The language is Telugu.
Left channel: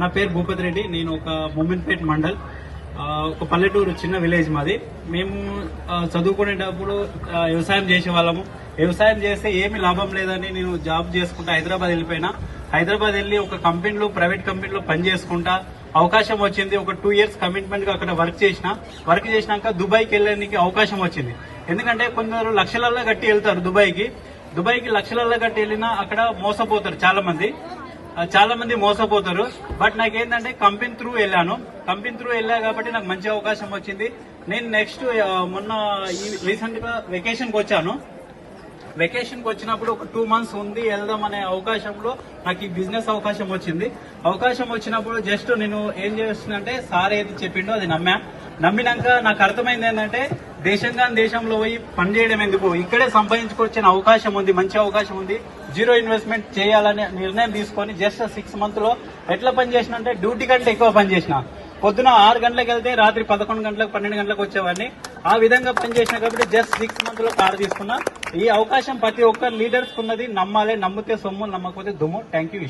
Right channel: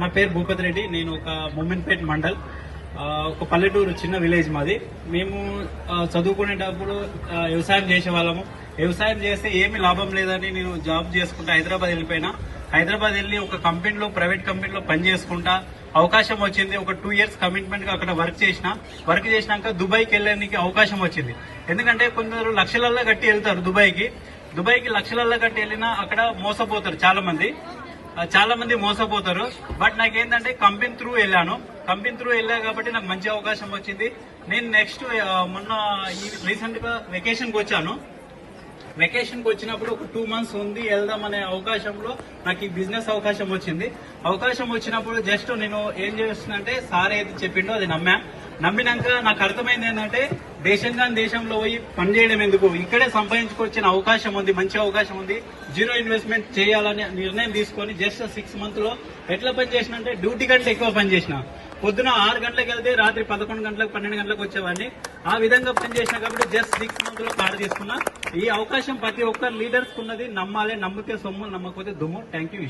నా పేరు భూపతి రెడ్డి. నేను ఒక మొమిన్పేట్ మండల్, ఒక పల్లెటూరు, చిన్న విలేజ్ మాది. మేము చదువుకునేటప్పుడు వ్యవసాయం చేసే వాళ్ళము. వ్యవసాయం చేస్తే ఏమి లాభం లేదని నేను జాబ్ చేసుకుంటా హైదరాబాద్ వెళ్ళిపోయినా. హైదరాబాద్ వెళ్ళి ఒక కంపెనీలో, ప్రైవేట్ కంపెనీలో పని చేసుకుంటా అవకాశం వచ్చింది. ఒక 2 years కమిట్మెంట్ గా అక్కడ వర్క్ చేసినాక దుబాయ్కి వెళ్ళడానికి అవకాశం వచ్చింది. ఎందుకంటే కొందరు లక్షలల్లో కట్టి వెళ్తారు దుబాయ్కి లక్షలల్లో కట్టి వెళ్ళినా అక్కడ మోసపోతారు చాలా మంది మోసపోతారు. బట్ నాకేంటంటే కంపెనీ త్రూ వెళ్ళా కాబట్టి నాకు మంచి అవకాశం వచ్చింది. నేను నెక్స్ట్ మొన్న రీసెంట్ గా వెకేషన్ కి వచ్చినప్పుడు ఒక 2 months ఉంది వెళ్దాం అనే అవకాశంలో నాకు ఈ బిజినెస్ అవకాశం వచ్చినప్పుడు జస్ట్ నేను ఏం చేస్తుందంటే సార్ ఏది చెప్పిండో అది నమ్మినాక నాకు అర్థమైంది ఏంటంటే దేశంలో పోయి పని చేయడం ఎందుకు, ఇక్కడే సంపాదించుకొచ్చిన మంచి అవకాశం ఉంది. 0 ఇన్వెస్ట్మెంట్ చేయాలనే నిర్ణయం తీసుకొని జస్ట్ 6 months లో ఎట్లా పని చేసిన అంటే డ్యూటీ కంటే ఎక్కువ పని చేసిన. పొద్దున 6 గంటలకు వెళ్తే రాత్రి 11 గంటలకు 12 గంటలకు వచ్చేవాడిని. ఆ విధంగా పనిచేసిన కాబట్టి జస్ట్ 6 months లో కారు తీసుకున్నా. ఈ అవకాశం ప్రతి ఒక్క లీడర్స్ ఉన్నది. నమ్మాలి, నమ్మితే సొమ్ము, నమ్మకపోతే దుమ్ము. Thank you.